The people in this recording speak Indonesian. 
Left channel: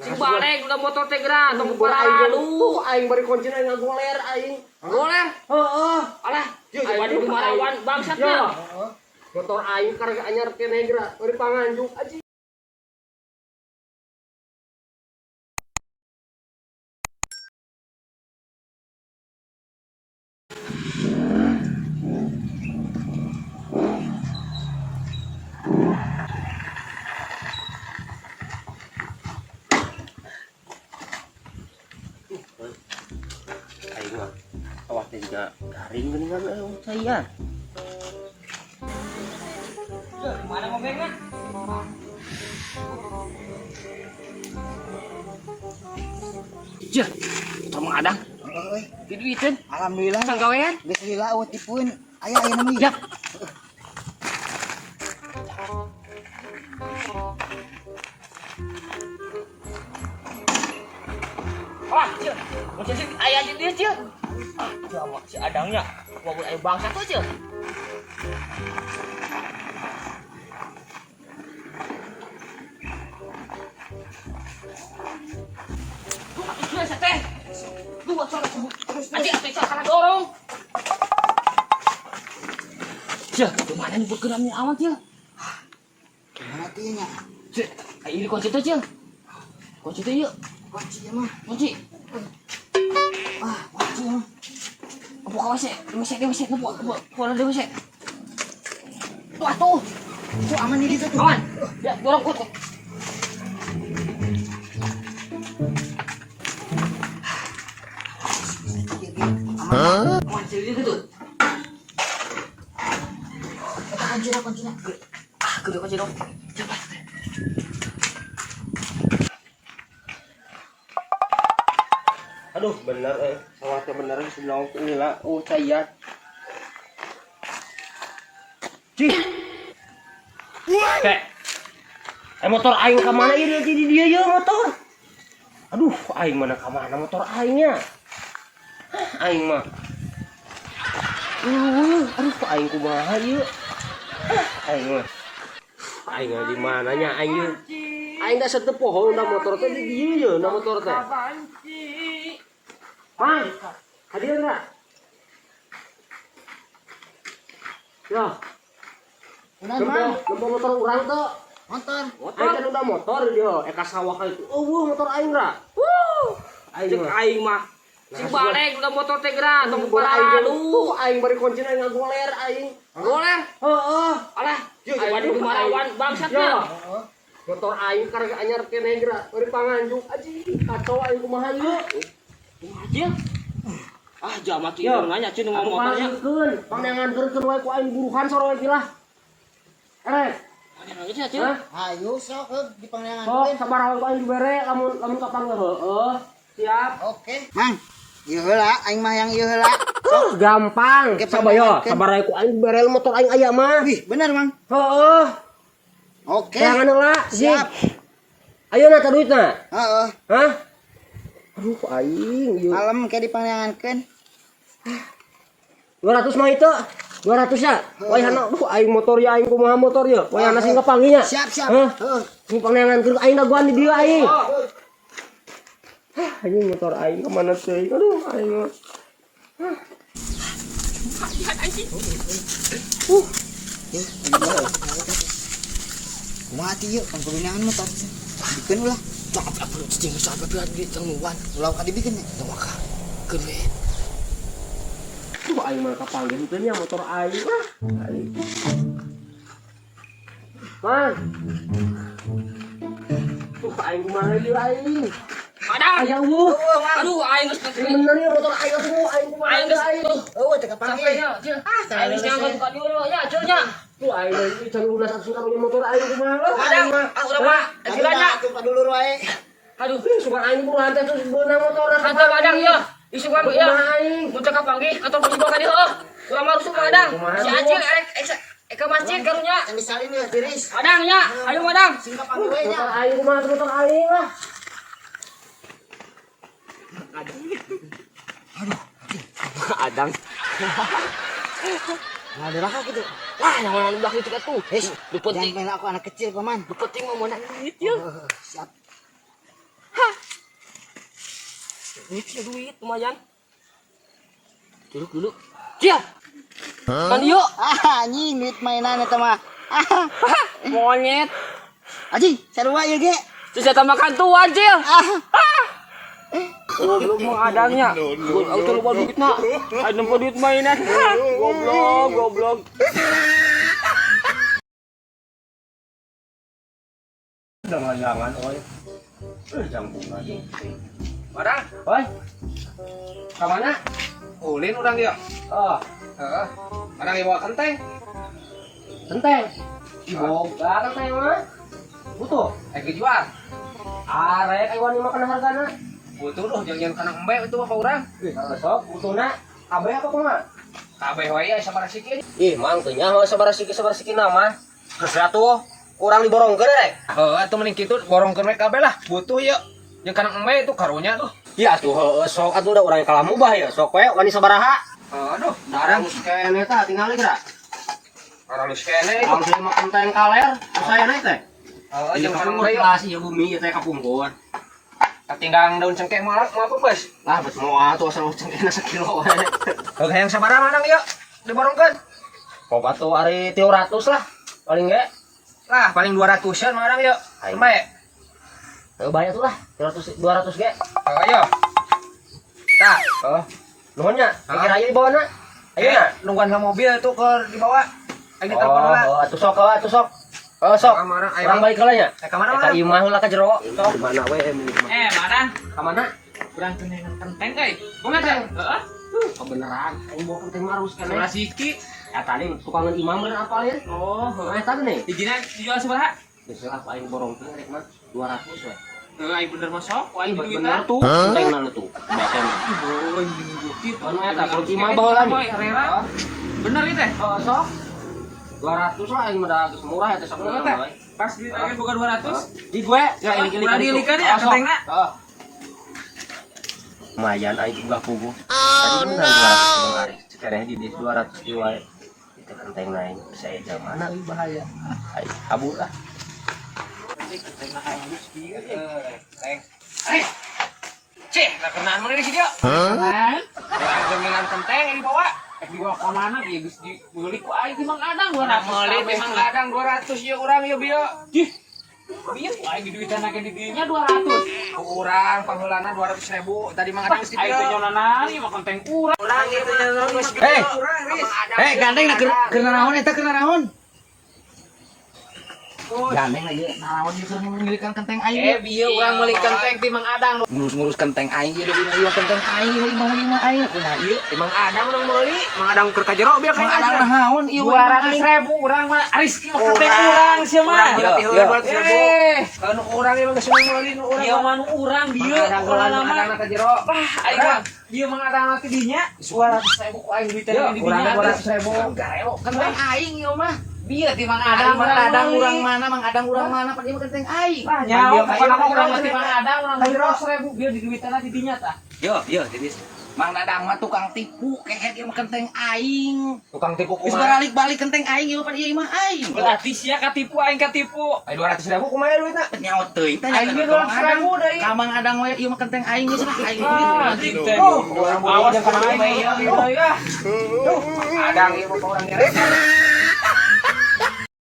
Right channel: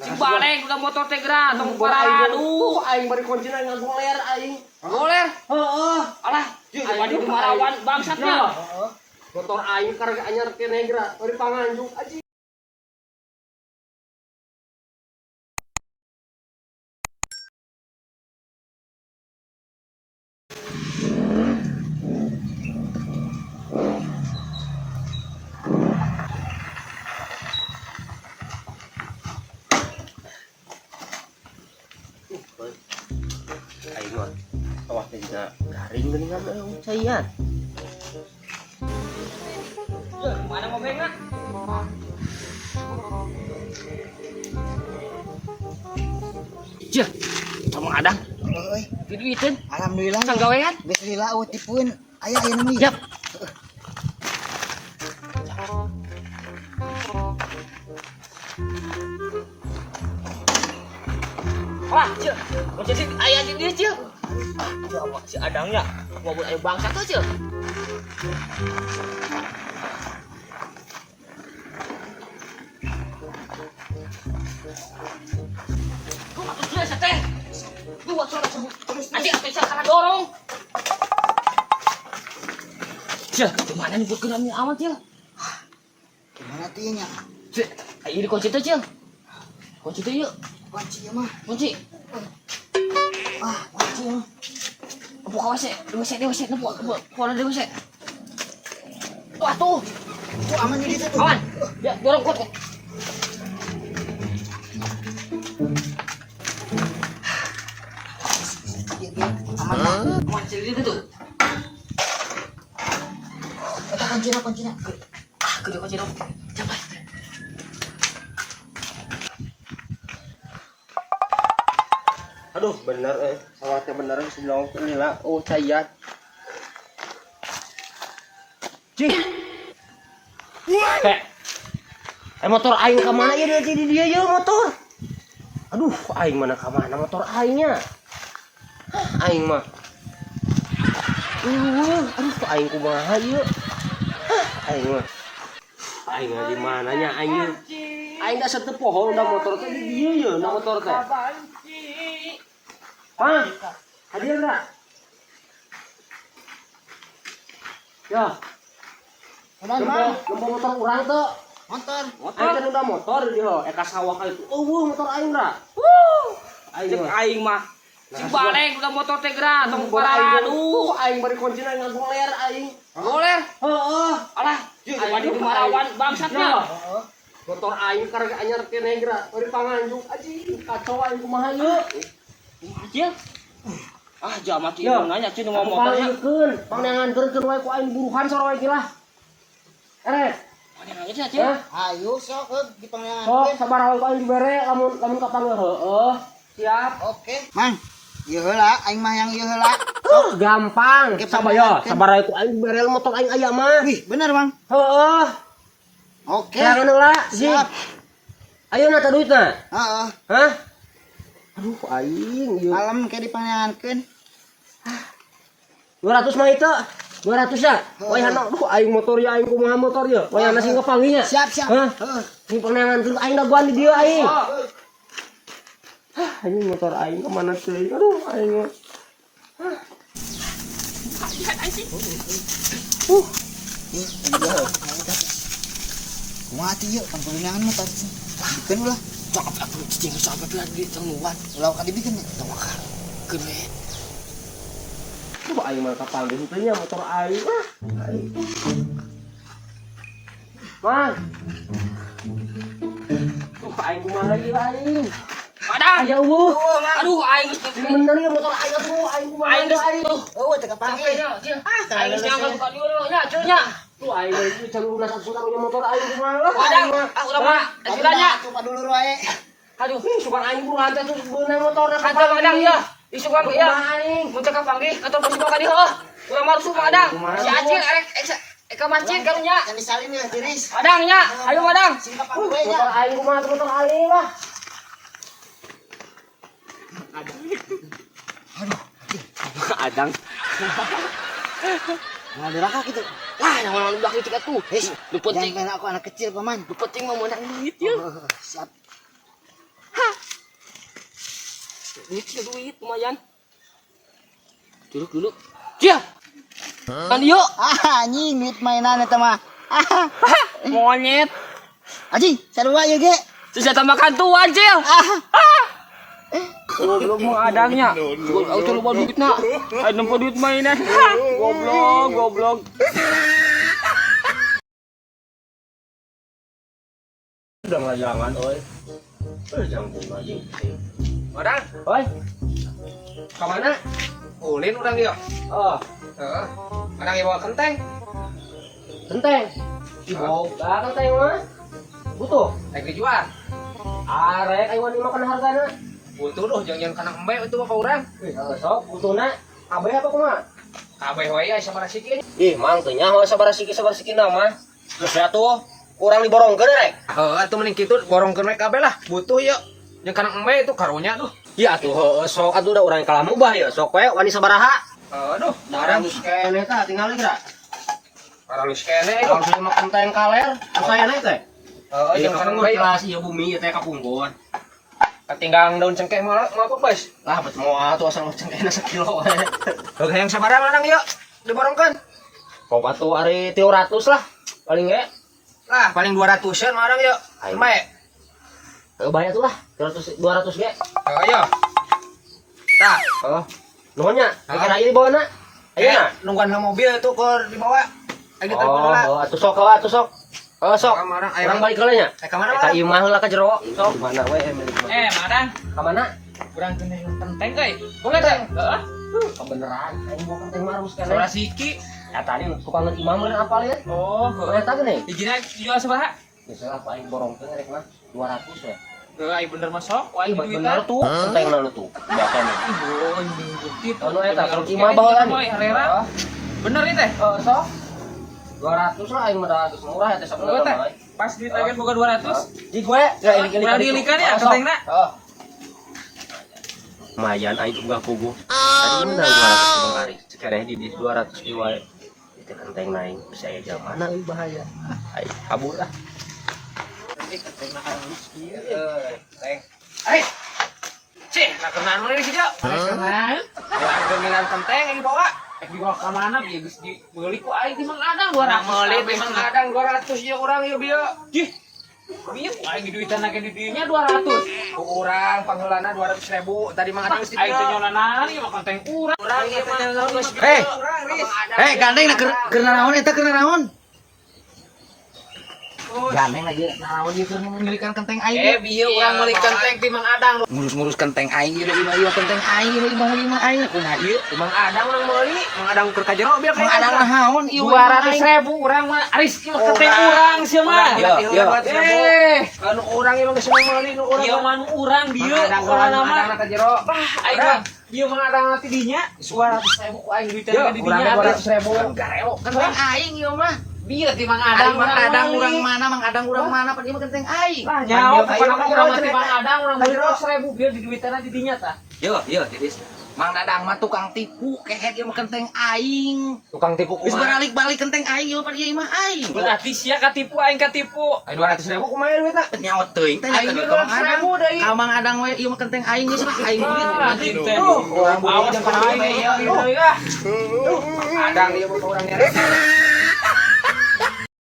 Si balik udah motor teh gerak, tong paradu. Aing bari kunci aing ngagoler aing. Goler. Heeh. Alah, aing di marawan bangsat na. Motor aing karga anyar keneh gerak, bari panganjung aji. Aing mah awas juga garing geuningan saya. Mana ngomongnya? Jah, sama ada. Euy, Diduiteun. alhamdulillah. Sanggawean. Geus lila eueuh tipeun. Aya nu Yap. Wah, Cil. Macam si ayah di dia, Cil. Jawa si adangnya. Gua buat ayo bangsa tuh, Cil. Sudah seteh. Dua suara sebut. Adik adik sana dorong. Cil, kemana nih berkenamnya amat, Cil? Gimana tinya? Cil, ini kunci tuh, Cil. Kunci tuh yuk. Kunci ya mah. Kunci. Kunci ya mah. Buka WC, di WC, pola di WC. Wah tuh, Tuh aman di ditu tuh. kawan, ya dorong kut. Aman. Mancil di situ. Eta kuncina. Gede kunci dong. Coba. Aduh bener sawatnya bener sebelah lila saya. Cih. Motor aing ke mana ya di dia ya motor. Aduh, aing mana ke mana motor aingnya? Aing mah. Aduh, aing kumaha ieu? Aing mah. Aing di mananya aing ieu? Aing da seteu pohon da motor teh di dieu ye, da motor teh. Mang, hadir enggak? Ya. Kunaon mah? Lomba motor urang tuh. Motor. Aing kan udah motor dia, eka sawah kali itu. Motor aing ra. Aing Cek mah. aing mah. Si balik udah motor teh gerak, tong Bari aing paradu. aing bari kunci aing ngagoler aing. Goler. Heeh. Alah, aing di marawan bangsat na. Heeh. Motor aing karga anyar keneh gerak, bari panganjung aji. Kacau aing kumaha ieu. Aja. Ah, jamat ieu Ya. nanya cun ngomong motornya. Panganjungkeun, panganjungkeun wae ku aing buruhan soro wae kilah. Ere. Mana nanya cun? Hah? Ayo sok di Sok pangangan. sabar wae ku aing dibere lamun kapanggih heueuh. Siap. Oke. Mang. Ieu heula aing mah yang ieu heula. Gampang. Oke, Sabar yo, panganjungkeun. sabar wae ku aing dibere motor aing aya mah. Wih, bener, Mang. Heueuh. Oke. Silakan heula. Siap. Ayo na teh duitna. Heeh. Hah? Aduh aing ieu. Malam kayak di pangangankeun. 200 mah itu. 200 ya. Wayahna aduh aing motor ya aing kumaha motor ya. Wayahna sing kepanggihnya. Siap. Hah? Heeh. Ini pangangan aing daguan di dieu aing. Anjing motor aing kemana teh? Aduh aing mah. Mati yuk, kan pangangan mah tadi. Bikin ulah. Cakap apa cing sampai di tengguan. Ulah ka dibikin ya. Teu makan. Gede. Aduh aing mah kapanggih teh nya motor aing. Aing. Man. Tuh aing kumaha ieu aing. Padang. Aya Aduh, aing geus Ini bener ieu motor aing atuh aing kumaha aing ieu geus aing. Eueuh teh kapanggih. sampainya, cing. Aing geus nyangkut ka dieu nya, cing nya. Tuh aing itu can lunas asuran punya motor aing kumaha. Padang, udah Pak, silanya. Coba dulu wae. Aduh, Sugan aing buruhan teh terus beunang motorna kata Padang ya. Isukan ya. Kumaha aing. Muncul ka panggih atau posisi ka dieu. Urang mah rusuk Padang. Kumaha, Si Acil Eka masjid karunya. Can disalin ya tiris. Padang nya, ayo Padang. Singkap panggih we nya. Motor aing kumaha motor aing lah. Adang. Nah, diraka gitu. Wah, yang orang belakang itu tuh. Hei, Lu penting, jangan main aku anak kecil, Paman. lu penting mau menang duit ya. Siap. duit lumayan. Curug dulu. Cia. Kan yuk. Anjing duit mainan eta mah. Monyet. Anjing, sarua ieu ge. Bisa makan tuan, Cil. Belum mau adanya. Auto lupa duit nak. Ada nempo duit mainan. Goblok. Udah ngajangan, oi. Jam 5 lagi. Madang, Oi. ke mana? Ulin orang dia. Oh, Heeh. Madang ieu bawa kenteng. genteng. Ibu, genteng mah. Butuh. Dijual. Arek aywan makan hargana. Butuh doh jangan kana embe itu apa urang. Ih, sok butuna. Abeh apa kumaha? Kabeh wae aya sabaraha sikeun. Ih, mang teu nyaho sabarasiki nama. Geus atuh urang diborongkeun rek. Heeh, atuh mending kitu borongkeun we kabeh lah. Butuh yeuh. Jeung kana embe itu karunya tuh. Iya atuh heueuh sok atuh da urang kalah mubah ya. Sok we wani sabaraha. Aduh, Darang kene tah tinggal geura. Paralus kene. Kalau saya makan teng kaler, saya naik teh. Heeh, Jeung jeung kana kapunggur embe. kelas ieu bumi ieu teh kapunggur. Katinggang daun cengkeh malah mau apa, Bos? Lah bet moal tuh asal cengkehna sakilo we. Oke, yang sabaraha Madang yeuh. Diborongkeun. Pop atuh ari 300 lah. Paling ge. Lah, paling 200-an Madang yeuh. Aing. Embe. Teu bayar tuh lah 200 ge. Ayo. Tah, Oh. Nuhunnya, pikir aya di bawahna. Ayeuna. nungguan mobil itu ke dibawa. Ayo ditelepon lah. Oh, atuh sok. Oh, sok. Madang, ayo. Urang balik heula nya. Ka mana, Ka Madang? ieu mah heula ka jero. Sok. Mana we Madang, Ka mana? kurang kenteng euy. Bunga teh? Heeh. Kebeneran. Aing mau kenteng marus kan. Sabaraha siki? Ya tadi tukangan imam meureun apal ya. Oh, Eta geuning. Dijina dijual sabaraha? Geus lah paling borongkeun rek mah 200 we. Heuh, ai bener mah sok. Wah, Ih, duit bener tuh. Kentengna nu tuh. Biasa nih. Oh, ini bukti. Anu eta kalau imam baheula nih. Herrera. Bener itu teh? Oh, sok. 200 lah aing mah da geus murah eta sok. Berapa teh? Pas duit agen bukan 200. Di gue ya ilik-ilik. Kurang diilikan ya kentengna? Heeh. Lumayan aing enggak puguh. Tadi udah 200 kemarin. Sekarang di 200 di wae. Itu kenteng naik. Saya jam mana ieu bahaya. Aing kabur lah. Kentengna halus kieu. Eh. Cih, nak kenaan mana sih, Cok? Nah, Wah, dominan kenteng yang dibawa. dibawa ka mana ge geus dibeli ku aing ti Mang Adang Orang 200. meuli memang kadang 200 ya orang ya bieu. Jih. Bieu aing duitan lagi di dieunya 200. Urang pangheulana 200.000 tadi Mang Adang Aing teh nyolana ieu mah kenteng urang. Urang ieu mah terus. Eh, gandeng na keur naon eta keur naon? Gandeng lagi naon ieu keur memilikan kenteng aing. Bieu urang meuli kenteng ti Mang Adang. Ngurus kenteng aing ieu ieu kenteng aing ieu imah aing kumaha ieu? Mang Adang urang meuli, Mang Adang keur ka jero bieu Mang Adang naon ieu 200.000 urang mah aris ieu mah kenteng urang sia mah. Anu urang ieu geus meuli nu urang. Ieu mah nu urang dieu Mang urang Adang mah. ka jero. Aing mah dieu Mang Adang nanti dinya 200.000 ku aing duitan lagi di dinya. 200.000 gareo. kenteng aing ieu mah. Bieu ti Mang Adang Adang urang mana Mang Adang urang mana pan ieu mah kenteng aing. Nah, nyawa pokoknya mah urang mati Mang Adang urang 200.000 bieu di duitan di dinya tah. Yo, Didis. Mang Dadang mah tukang tipu, kayak ieu mah kenteng aing. Tukang tipu Geus kumaha? balik kenteng aing ieu pan ieu mah aing. Berarti sia katipu aing katipu. 200.000 kumaha duitna? Nyawa teuing teh Aing nya ge 200.000 deui. Ka Mang Adang we ieu mah kenteng aing geus mah aing. Awas ka aing. Adang ieu mah urang nyeret.